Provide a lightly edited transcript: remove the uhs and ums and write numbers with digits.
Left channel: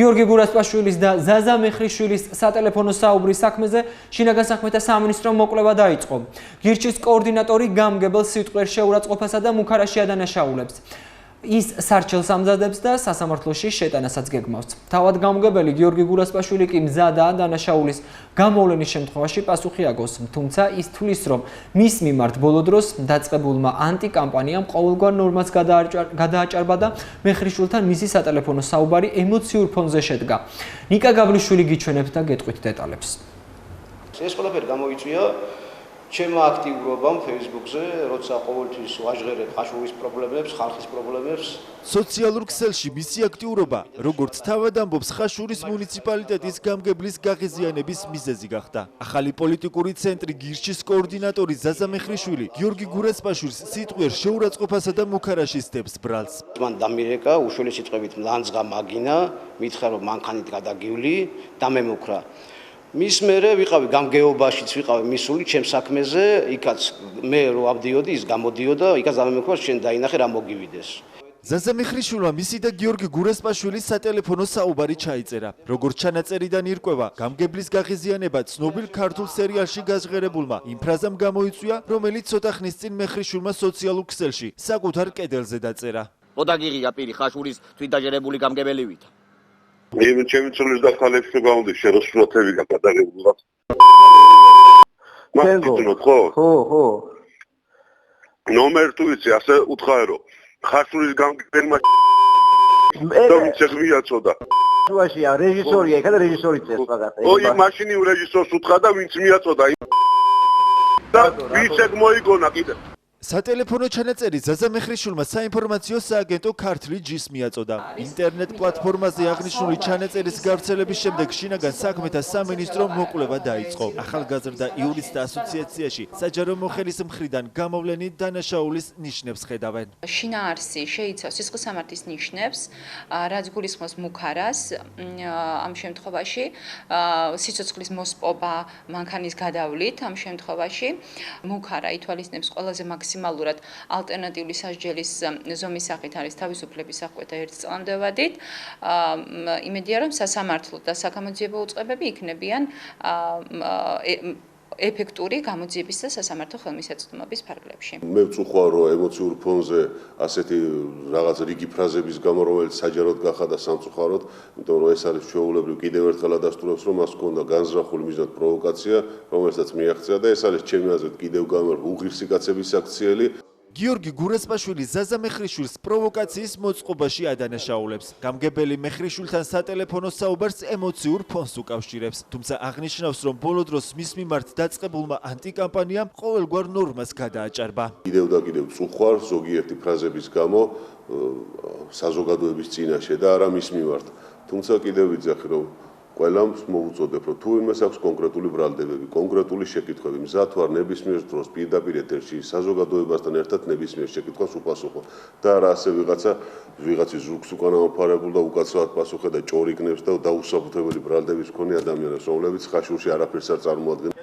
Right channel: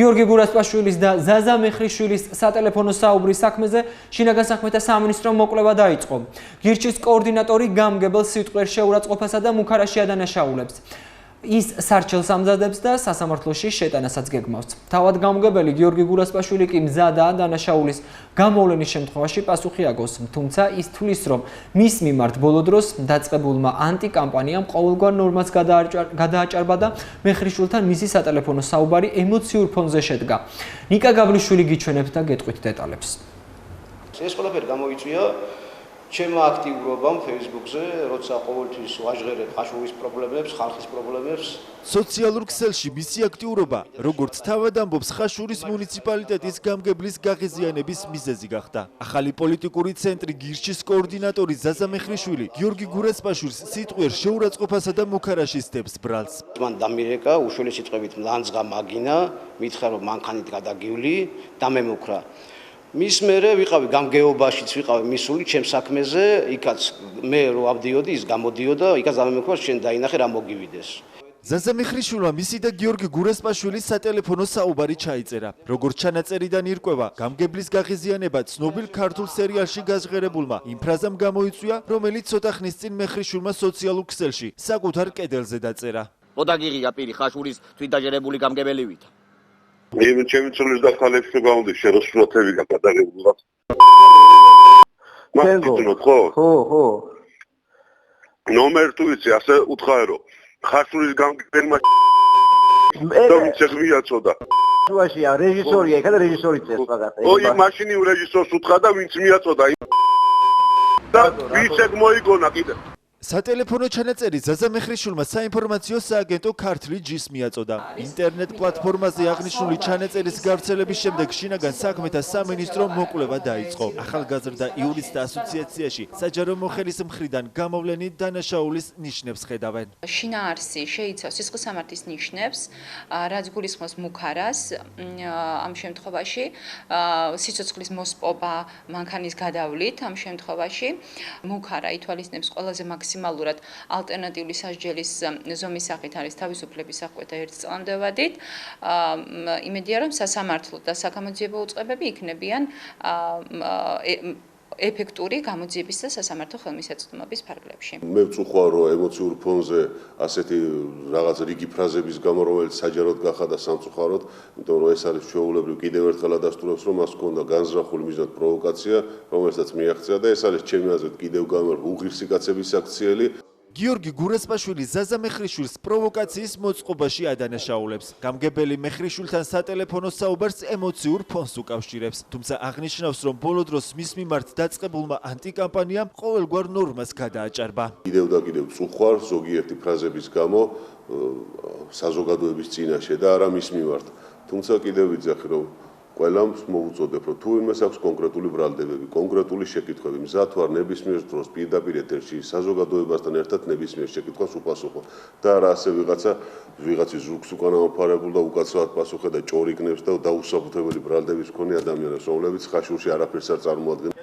გიორგი გურასპაშვილის და ზაზა მეხრიშვილის სატელეფონო საუბრის საქმეზე შინაგან საქმეთა სამინისტრომ მოკვლევა დაიწყო. გირჩის კოორდინატორი გამგებელ სიტყვեր შეურაცხყოფასა და მუქარაში ადანაშაულებს. ის სარჩელს ამზადებს და სასამართლოში შეტანასაც გეგმავს. თავად გამგებელი გიორგი გურასპაშვილი კი მზადაა დანაშაულის გამოვლენის შემთხვევაში პასუხი აგოს, თუმცა ის თვლის, რომ მის მიმართ ბოლო დროს დაწყებულმა ანტიკამპანიამ ყოველგვარ ნორმას გადააჭარბა და მეხრიშვილთან მისი სატელეფონო საუბარი ემოციურ ფონზე შედგა. ნიკა გაბლიშვილი გიჩვენებს და გეტყვით დეტალებს. ეს ყველაფერი გამოიწვია ჩემო აქტიურობამ Facebook-ზე, როცა ყოველთვის ვაჟღერებ ხაშურის პრობლემებს, ხალხის პრობლემებს. პრობლემა იხება, მე მინდა და შევატარებ. მე მაჩუქა ეს ნაკავი. უშული სიტყვები გინება, ლანძღვა, ყველა პრობლემა მან დამირეკა უშული სიტყვებით ლანძღა მაგინა, მითხრა რომ მანქანით გადაგივლი და მე მოკრა. მის მერე ვიყავი გამგეობაშიც ვიყავი მისული ჩემ საქმეზე, იქაც მე რო ავდიოდი, ის გამოდიოდა, იქაც ამემექვა შენ დაინახე რა მოგივიდეს. მე არ შევიდა ამ კადრებმა მოკვლევა დაიწყო. ოდაგიღია პირი ხაშურის თვითდაჟერებული გამგებელივით. მე ჩემი ცოლის და ხალხის გამომდი შეროსულათები გადაგებულად. მაგიტნო ხო? ხო. ნომერ თუ იცი, ასე უთხარი რომ ხაშურის გამგებელმა და მიწევიაცოდა. შუაშია რეჟისორია, ეხლა რეჟისორი წეს მაგათ. ой, მაშინი რეჟისორს უთხრა და ვინც მიაწოდა. და ვისეგ მოიგონა კიდე. არის, იმიტომ რომ საუბარში ისე მქრება ის რომელსაც ელაპარაკა, რომ გადაეცირო თქვა თუ ის არა შენს და რაღაცები, ხო? შინაარსი შეიცავს სისხლისამართლის ნიშნებს, რაც გულისხმობს მუქარას, ამ შემთხვევაში სიცოცხლის მოსპობა მანქანის გადავლით, ამ შემთხვევაში მუქარა ითვალისწინებს ყველაზე მაქსიმალურად ალტერნატიული სასჯელის ზომის სახით არის თავისუფლების აღკვეთა 1 წლამდევადით. იმედია, რომ სასამართლო და საგამოძიებო უწყებები იქნებიან ეფექტური გამოძიების და სასამართლო ხელმისაწვდომობის ფარგლებში. მე ვწუხარ რომ ემოციურ ფონზე ასეთი რაღაც რიგი ფრაზების გამო რომელიც საჯაროდ გახადა სამწუხაროდ, იმიტომ რომ ეს არის ჩვეულებრივ კიდევ ერთხელ ადასტურებს რომ მას ჰქონდა განზრახული მიზნად პროვოკაცია, რომელსაც მიაღწია და ეს არის ჩემი აზრით კიდევ გამერ უღირსი კაცების აქციელი. კიდევ და კიდევ წუხარ ზოგიერთი ფრაზების გამო საზოგადოების წინაშე და არა მის მიმართ. თუმცა კიდევ ვიძახი რომ ყველამ მოუწოდებ რომ თუ იმას აქვს კონკრეტული ბრალდებები, კონკრეტული შეკითხვები, მზად ვარ ნებისმიერ დროს პირდაპირ ეთერში საზოგადოებასთან ერთად ნებისმიერ შეკითხვას უპასუხო და არა ასე ვიღაცის ზურგს უკან ამოფარებულ და უკაცრავად პასუხე და ჭორიკნებს და დაუსაბუთებელი ბრალდების მქონე ადამიანებს, რომლებიც ხაშურში არაფერს არ წარმოადგენენ.